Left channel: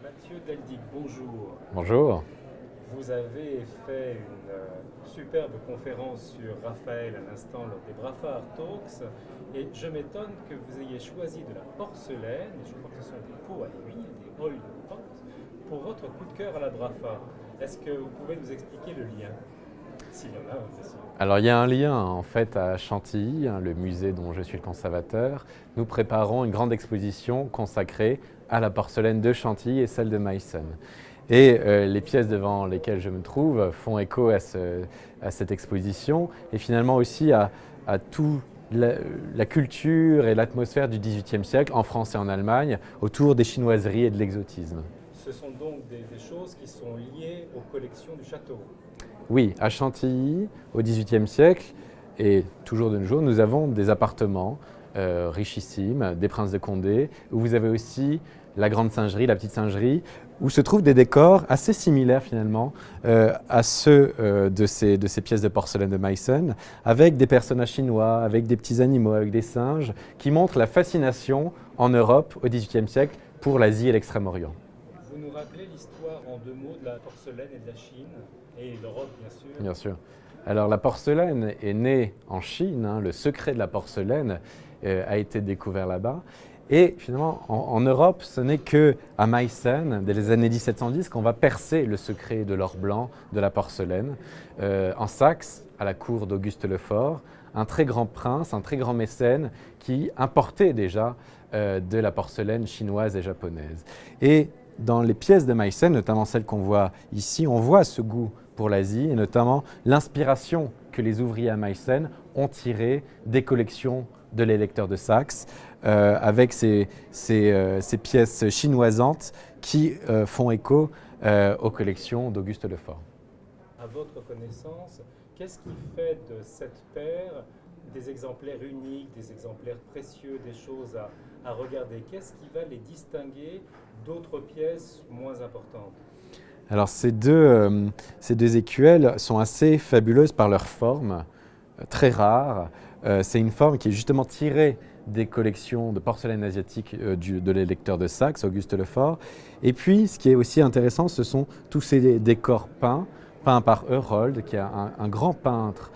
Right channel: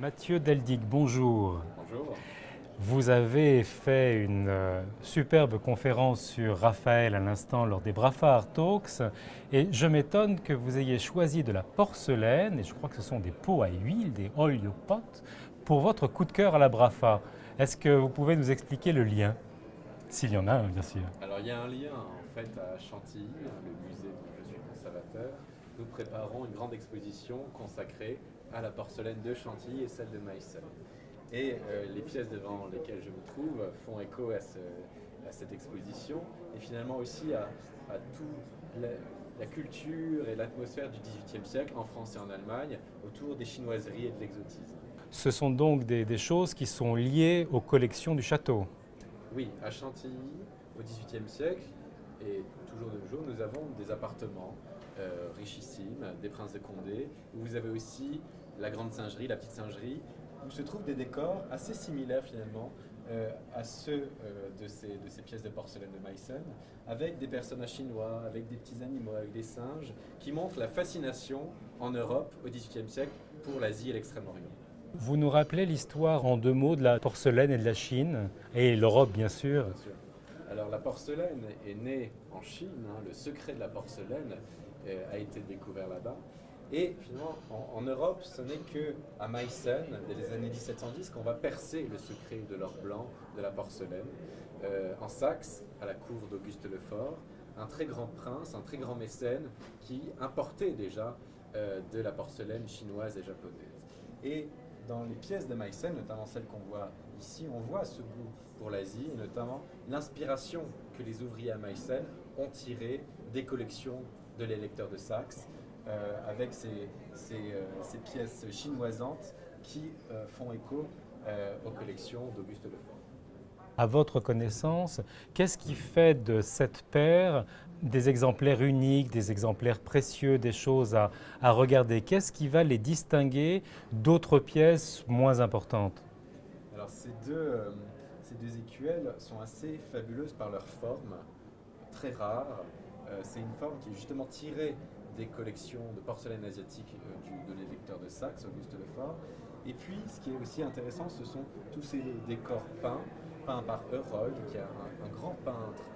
Mathieu Deldic, bonjour. Bonjour. Vous avez fait une superbe conférence sur Raphaël à l'instant lors des Brafa Art Talks et je m'étonne que vous ayez choisi de la porcelaine, et je crois que ce sont des pots à huile, des oil pot, pour votre coup de cœur à la Brafa. Est-ce que vous pouvez nous expliquer le lien? S'il y en a un, bien sûr. Alors il y a un lien en fait à Chantilly, le musée dont je suis le conservateur. Nous préparons une grande exposition consacrée à la porcelaine de Chantilly et celle de Meissen. Et les pièces devant lesquelles je me trouve font écho à cette exposition et finalement aussi à toute la culture et l'atmosphère du XVIIIe siècle en France et en Allemagne autour des chinoiseries et de l'exotisme. Ce sont donc des choses qui sont liées aux collections du château. Oui, à Chantilly, au XVIIIe siècle, et toujours de nos jours, nous avons des appartements richissimes, des princes de Condé, où vous avez aussi la grande singerie, la petite singerie, où se trouvent des décors assez similaires finalement à ceux de ces pièces de porcelaine de Meissen, avec des personnages chinois, avec des petits animaux, avec des singes, qui montrent la fascination en Europe au XVIIIe siècle pour l'Asie et l'Extrême-Orient. Vous nous rappelez l'histoire en deux mots de la porcelaine et de la Chine, et l'Europe bien sûr. Bien sûr. Alors la porcelaine est née en Chine, le secret de la porcelaine a été découvert là-bas. Et finalement, en Europe, ce n'est qu'à Meissen, dès les années 1710, qu'on va percer le secret de l'or blanc de la porcelaine. En Saxe, à la cour d'Auguste Lefort, un très grand prince, un très grand mécène qui importait déjà de la porcelaine chinoise et japonaise. Et dans les pièces de Meissen, notamment celles qu'on voit ici, on voit ce goût pour l'Asie et notamment l'inspiration que les ouvriers à Meissen ont tirée des collections de l'électeur de Saxe avec ces pièces chinoisantes qui font écho aux collections d'Auguste Lefort. À votre connaissance, qu'est-ce qui fait de cette paire des exemplaires uniques, des exemplaires précieux, des choses à regarder? Qu'est-ce qui va les distinguer d'autres pièces moins importantes? Alors ces deux écuelles sont assez fabuleuses par leur forme, très rare. C'est une forme qui est justement tirée des collections de porcelaine asiatique de l'électeur de Saxe, Auguste Lefort. Et puis, ce qui est aussi intéressant, ce sont tous ces décors peints par Herold, qui est un grand peintre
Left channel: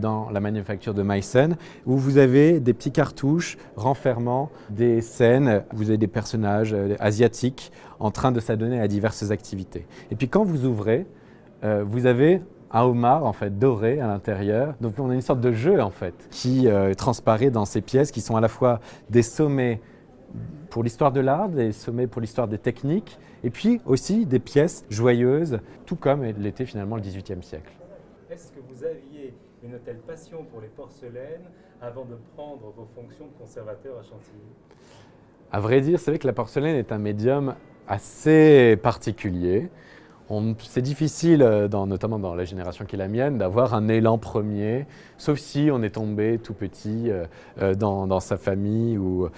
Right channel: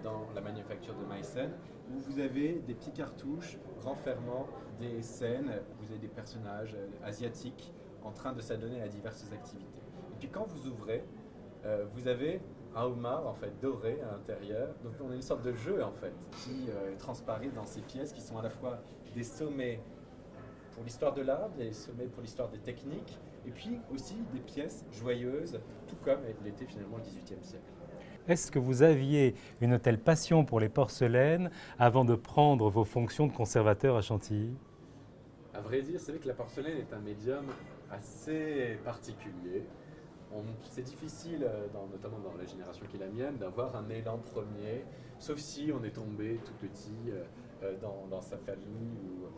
dans la manufacture de Meissen, où vous avez des petits cartouches renfermant des scènes, vous avez des personnages asiatiques en train de s'adonner à diverses activités. Et puis quand vous ouvrez, vous avez un homard en fait doré à l'intérieur. Donc on a une sorte de jeu en fait qui transparaît dans ces pièces qui sont à la fois des sommets pour l'histoire de l'art, des sommets pour l'histoire des techniques, et puis aussi des pièces joyeuses, tout comme l'était finalement le XVIIIe siècle. Est-ce que vous aviez une telle passion pour les porcelaines avant de prendre vos fonctions de conservateur à Chantilly? À vrai dire, c'est vrai que la porcelaine est un médium assez particulier. C'est difficile, notamment dans la génération qui est la mienne, d'avoir un élan premier, sauf si on est tombé tout petit dans sa famille ou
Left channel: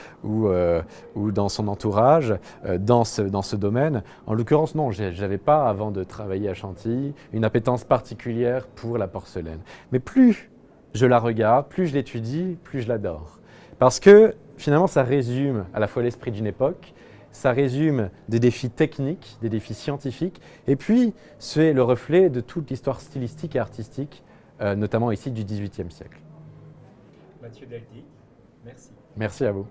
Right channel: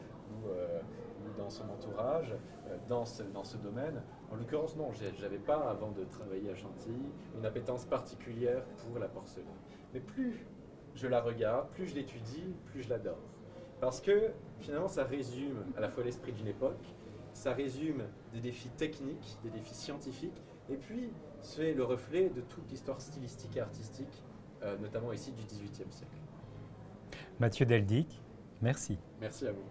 dans son entourage, dans ce domaine. En l'occurrence, non, je n'avais pas, avant de travailler à Chantilly, une appétence particulière pour la porcelaine. Mais plus je la regarde, plus je l'étudie, plus je l'adore. Parce que finalement, ça résume à la fois l'esprit d'une époque, ça résume des défis techniques, des défis scientifiques, et puis c'est le reflet de toute l'histoire stylistique et artistique, notamment ici du XVIIIe siècle. Mathieu Deldic, merci. Merci à vous.